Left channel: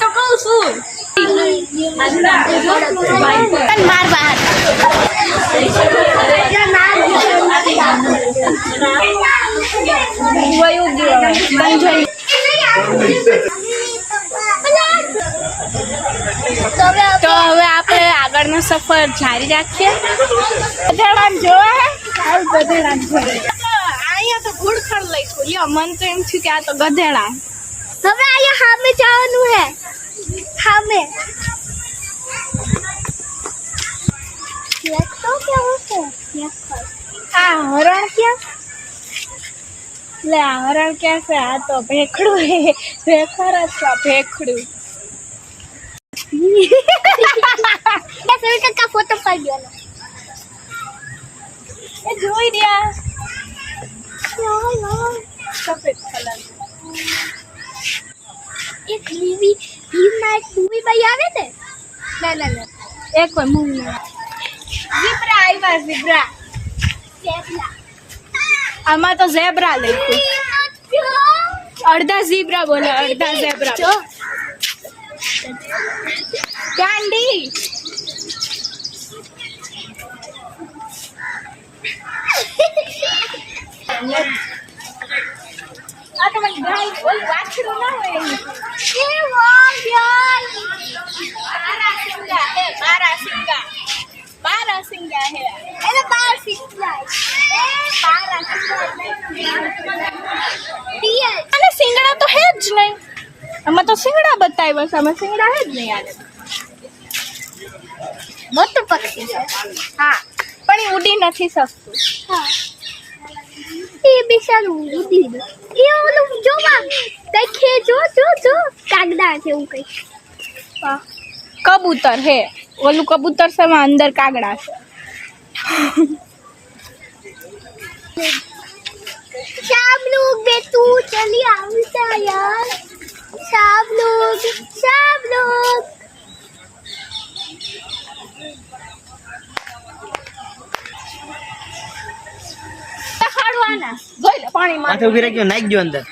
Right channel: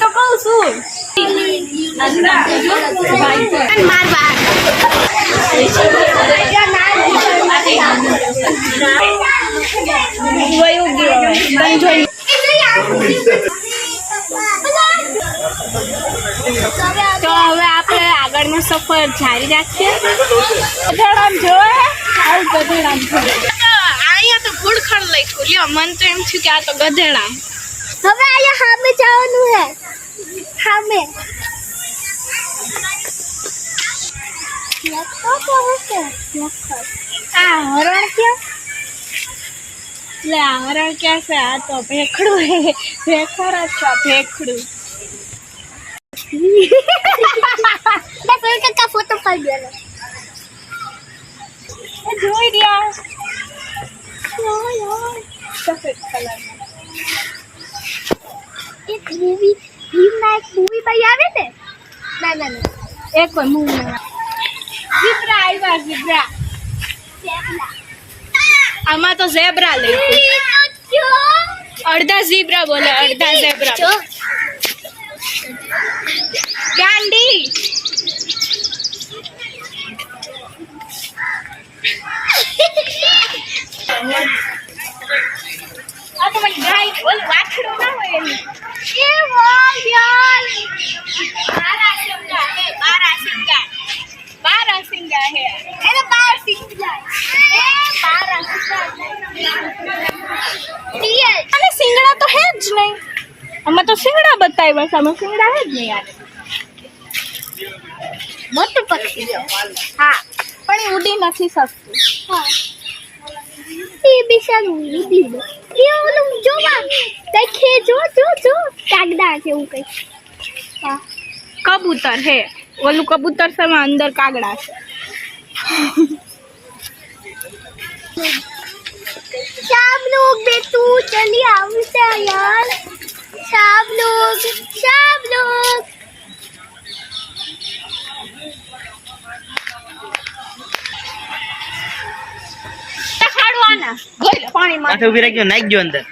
तो कहूँ છું બાર બાર વયું ગયું તો હવે આપણે આગળનો સફર જારી રાખીએ. અહીંયા તો ઘુડખડ લખ્યું લ્યો, મન તો એમ થયું કે આ તો ગધેડા. હવે અહીંયા સામે જવાનું હે, સામે તો કેવું છે આ હરણ ક્યાં? લે આ હરણ ક્યાં છે? આ તો ભેખડું હે, ભેખર જ છે ભેખડું. બસ એક કા ફોટો પાડી દેવાનો. એ જોઈ રહ્યા સફેદ કલર એક મૂવી ભીમના એક મૂવી ભાઈ આવે ને ના એક કોઈ મૂવી ઝીબ્રા આવ્યા, ઝીબ્રા. આમાં તો ઝેબ્રા લખ્યું, અડધા ઝીબ્રા બોલે અડધા ઝેબ્રા. ગાંડી આ તો મને ગાય બોલ વાછડું ના હોય એની. એ વાહ યાર, બારા સિંગા હે. એને બાર સિંગલા એ બાર સિંગલા અને સિંગડા તો હે જ નહીં. આમાં તો સિંગડા બતાવ્યા છે, આમાં સિંગડા હે જ નહીં. યાર મોટું પક્ષી છે. હા પણ એ ઉડી નથી શકતું. હા એ બિચારું ઉડી દે. એ ઓલું જોવા દેખે, જો કાગડા છે એવું કઈ. હા કબૂતર હે, ઓલું કબૂતર છે એમાં અંદર કાગડા છે. सब लोग बेटू चलिए आवते यार, सब लोग પાછો ઉભી રાખ્યો, નાખ ગયો અંદર.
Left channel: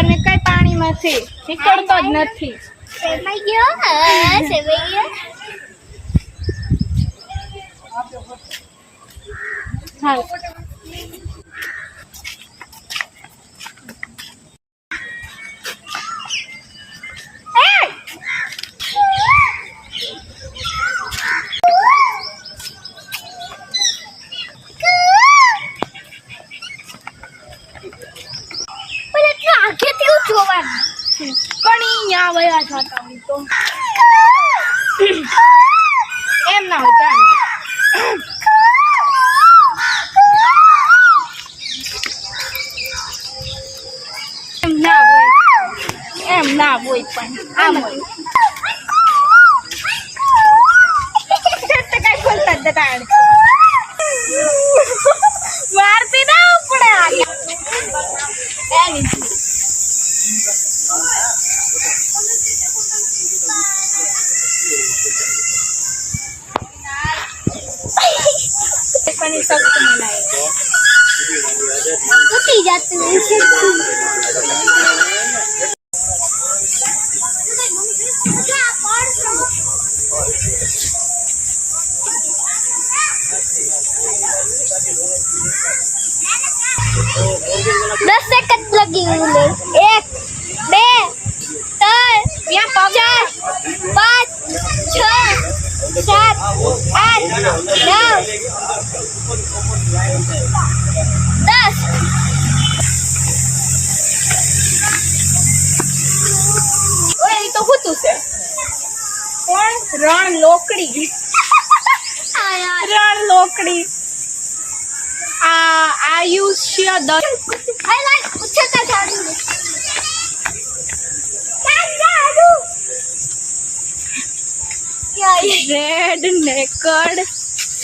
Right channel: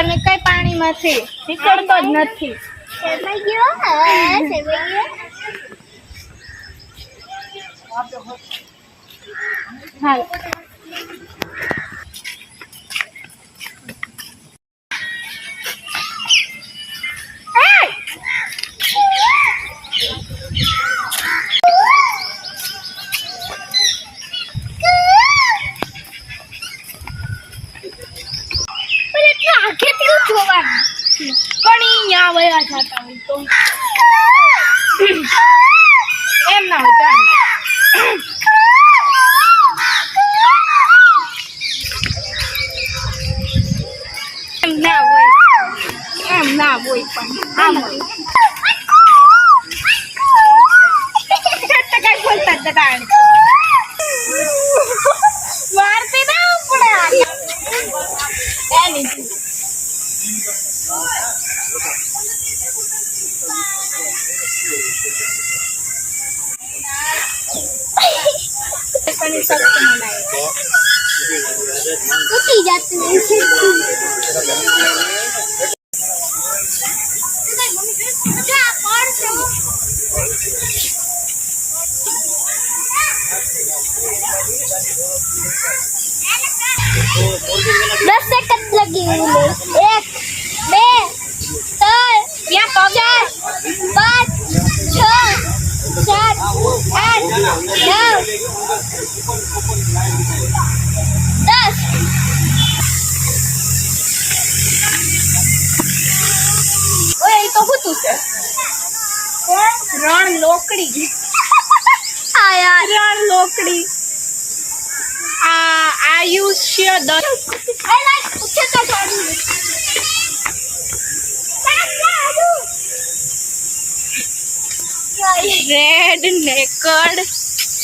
અને કઈ પાણીમાંથી નીકળતો જ નથી. सेवई गयो હાલ કણી ન્યા વયા જતા હોય તો એમ ના હોય. એમ ના હોય પણ આમ કઈ બોલતા જતા મારતી ના પડે એની पानी सख्त मनाए टूटी जाती है इसे. दस सेकंड लगी बोले. 1 2 3 4 5 6 7 8 9 10. ઓય એ તો હોતું છે કોણ? રણ લોકડી. आ यार રણ લોકડી. આ આયુષ્ય आई लाइक कुछ तो छोड़. રેડ નેકડ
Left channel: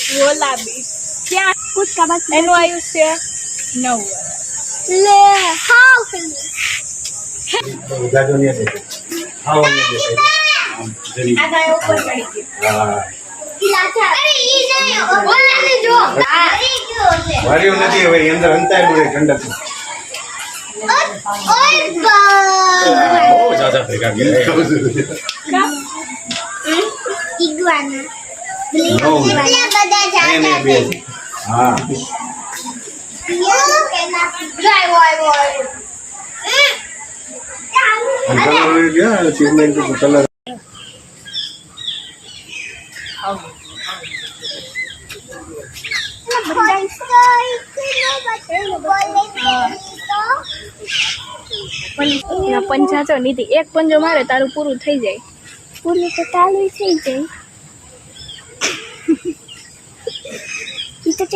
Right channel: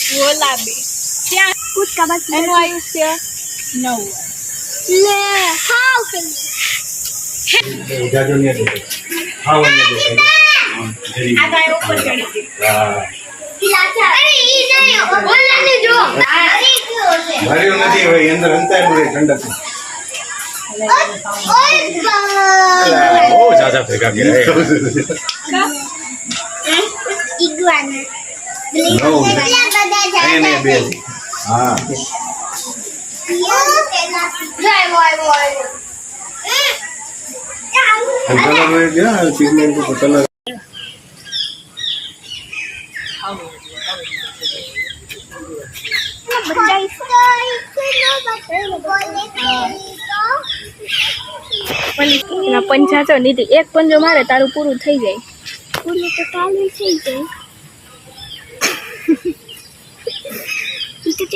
ગુલાબી ત્યાં કૂદકા બસ એનું આયુષ્ય 9 વર્ષ લે હાવ પેલું જાજો નહીં દેતો હા નહીં દેતો જરી આ ગાય ઉપર ચડી ગઈ હા અરે ઈ નહીં ઓલાને જો માર્યું નથી હવે અંદર અંતાયેલું રે ગંડક બહુ જાજા ભેગા ગયા ઈગુઆના એને બે હા કલર ગયા સિમેન્ટ ઉપર કલર ના પંજા તો નીતિ એક પંજો મારે તારું પૂરું થઈ જાય પૂરું તો ચાલુ થઈ જાય ઈ તો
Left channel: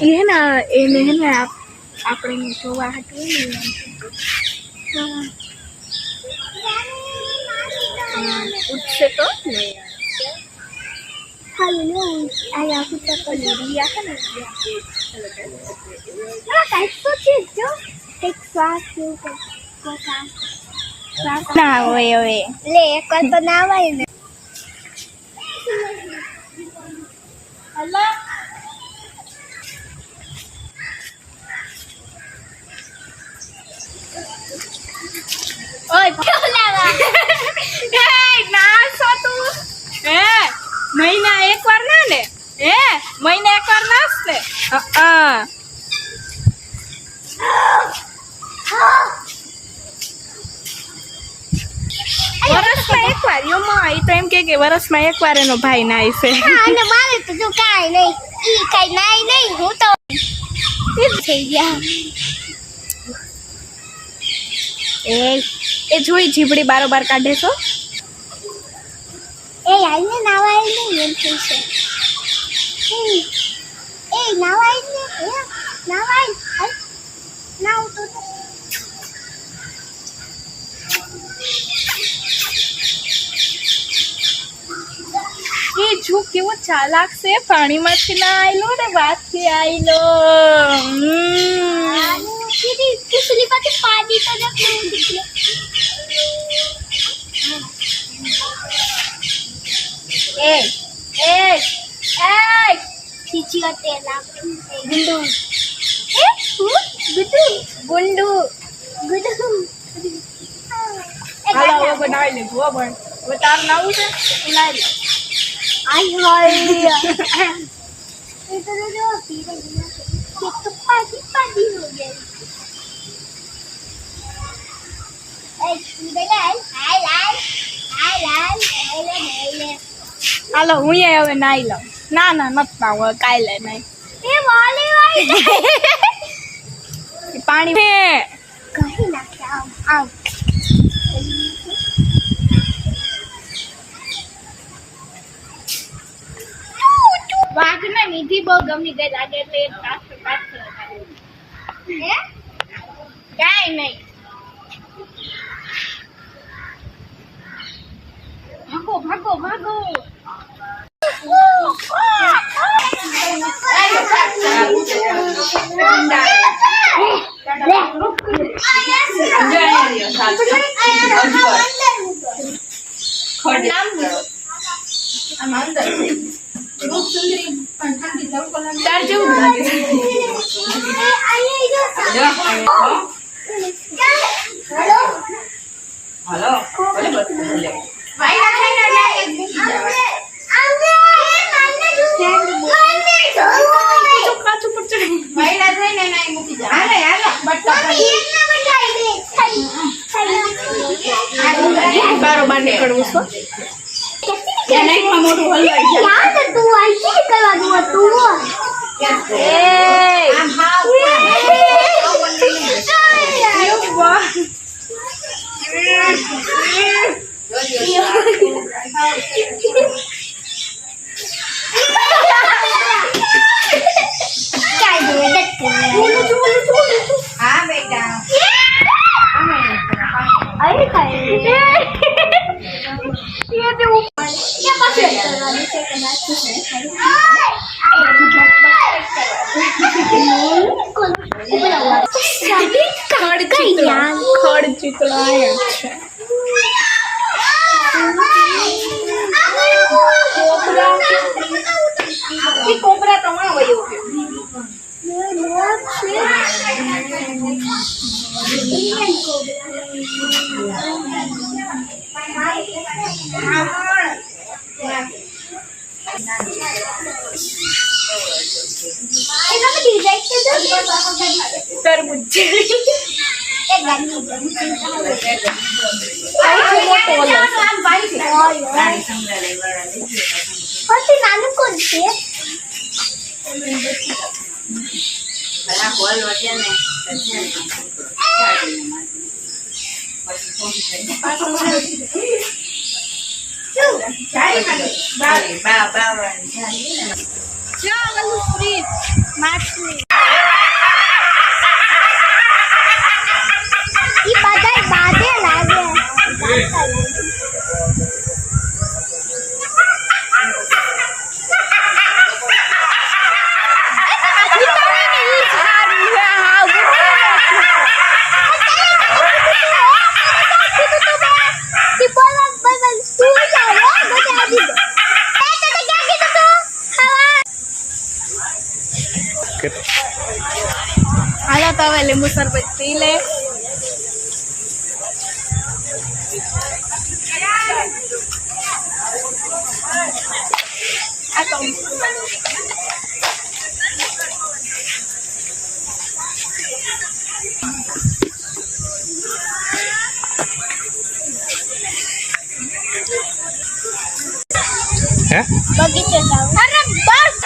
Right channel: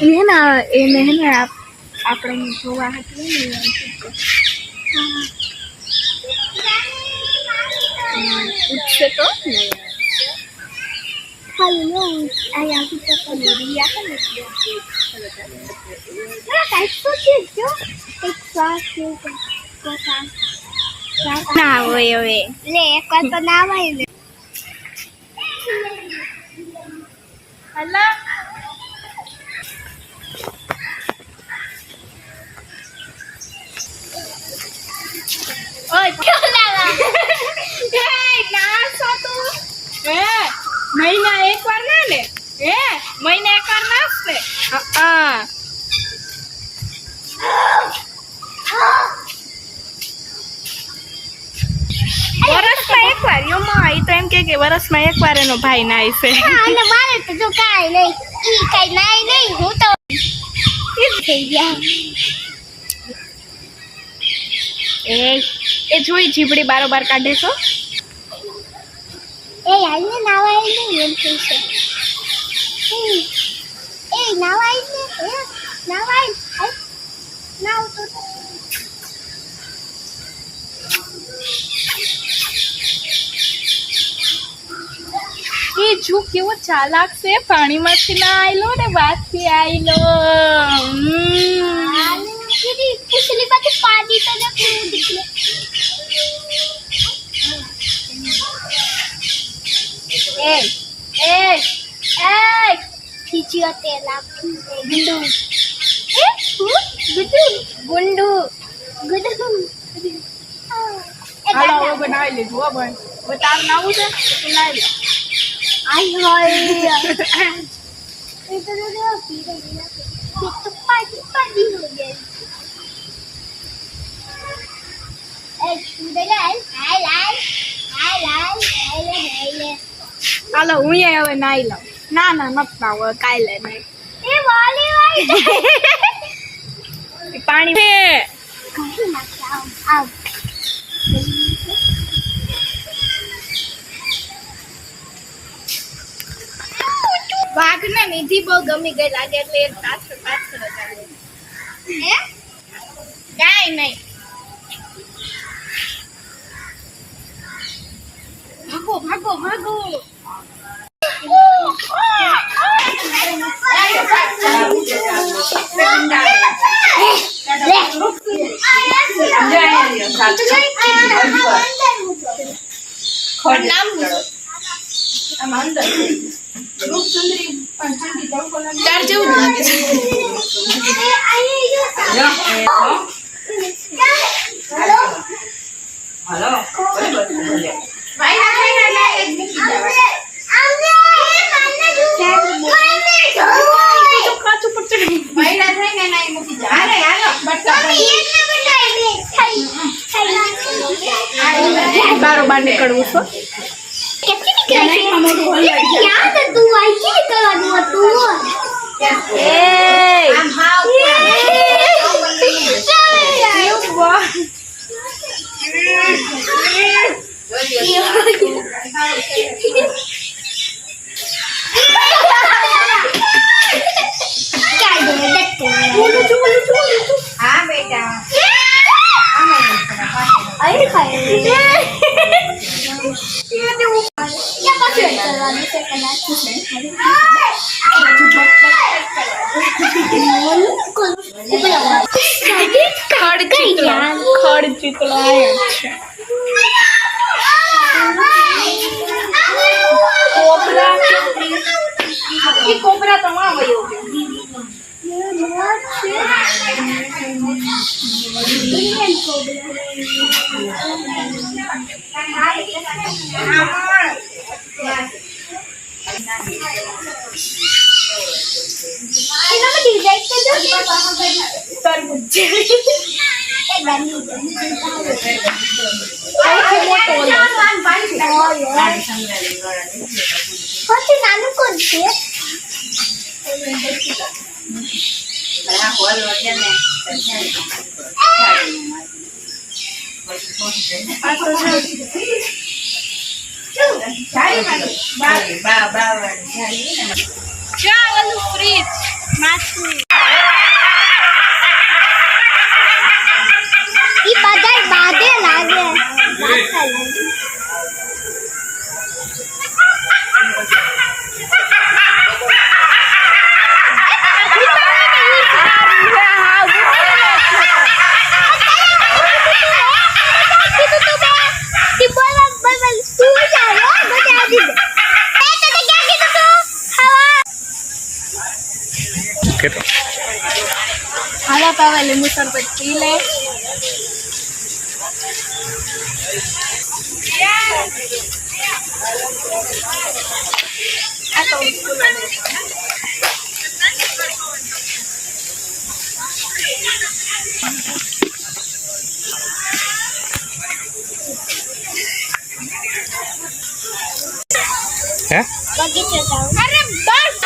એને હે ને આપણે જોવા હતું ને ઉઠશે તો નહીં હાલો આયા કુતા કરી રહ્યા ને કાઈ તો છે જો એક શ્વાસ જેવું કોતા ના હોય હવે લે એક વાર તો ના આવે ને હલો ઓય ચોલાવા એ ના છો તું એ મહિના એકવાર ના ને મહિના એકવાર નાસ ને હા વરસમાં એકવાર યોમાં આવી તો એમ કે વરસમાં એકવાર એનો ભાઈ નાય છે અને મારે તો જો કાઈ નહીં ઈ કાઈ નાઈ નહીં હું તો ઈ થઈ ગયા એ જોઈ જીભડી બારોબાર કાઢે છો એ આઈને નાવાય નહીં એમ થઈ છે એ નાવાય ને એ નાવાય હાલ નાવ તો એ જો કેવો ચાલાક છે પાણીમાંથી ના આયલો ને વાતથી આયલો કીધી કુસલી પાસે પાડી તો ન કેવું દીકલે એ ખીચીઓ તેલ આપી ગુંડુ એ ગુંડુ હાલો હવે બનાવી લીધું હો બન હવે તાર નાવું છે બનાવી લે आई हाय इधर जो पी रही है ये तो पानी हो गया ए सुदेलाल हाय लाल હાલો હું હવે નાઈ લઉં ના મત નાવ કાલે નહીં ए वाली પાણી कहीं ना क्या आओ વાઘ ને નિધિ બહુ ગમી ગઈ લાગે એટલે એક પાછળ હે કાઈ નહીં ભાગો તાર જેવું જ લાગે છે બારોબાર નીકળવું છો याद है तू आई की निकलवा दूंगा तू हाँ बेटा अरे ये ખડ ચીતળો આવ્યો છે. કોબરા તો માં વયો ગયો. તરબૂચ જેવી. નાનું કોણ છે? ચાલ ફ્રીજ માછલી. ઈ બધાય બાધે લાગે. હાલો તો હવે લીંબુ શરબત પી લે. આ તો હે બગીચે જાઉં. અરે બસ.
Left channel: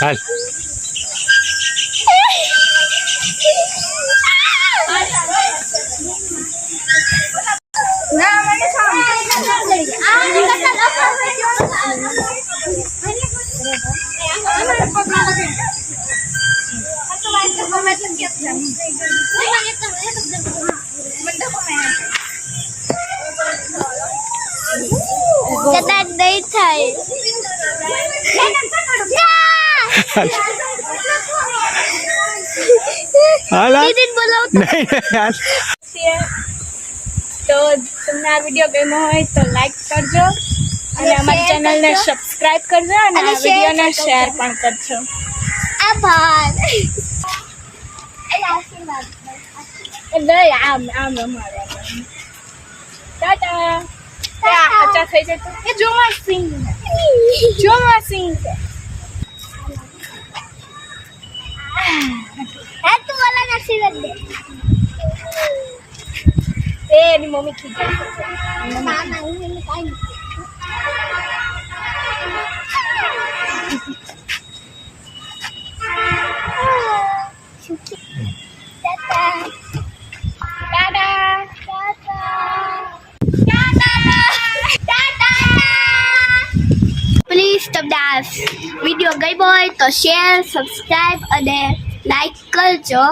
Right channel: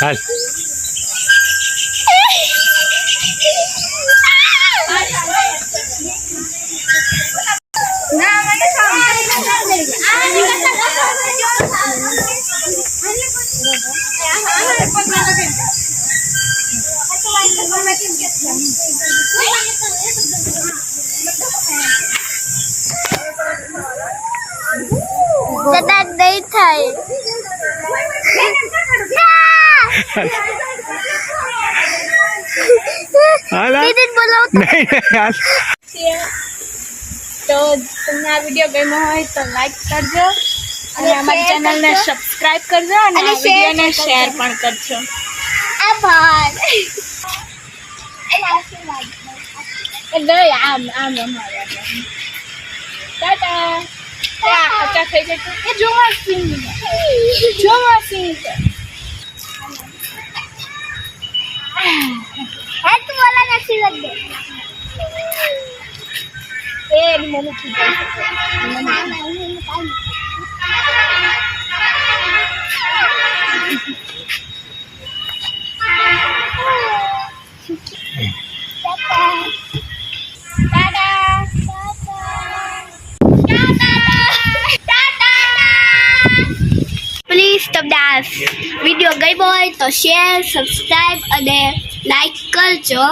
હાલ કદાચ નહીં થાય. દીદી બોલાવો. નહીં હાલ તો તમને આ વિડીયો ગમ્યો હોય તો લાઈક કરજો અને અમારી ચેનલને સબસ્ક્રાઇબ કરજો અને આ વિડીયોને શેર પણ કરજો. આભાર. એટલે આમ રમાડવા. ટાટા. અચ્છા થઈ જતું એ જોમાં સિંગ છે. તું બોલા નથી લગે. એની મમ્મી ખીજાય છે. ના ના હું કાઈ. પ્લીઝ તમને આ વિડીયો ગમ્યો હોય તો શેર સબસ્ક્રાઇબ અને લાઈક કરજો.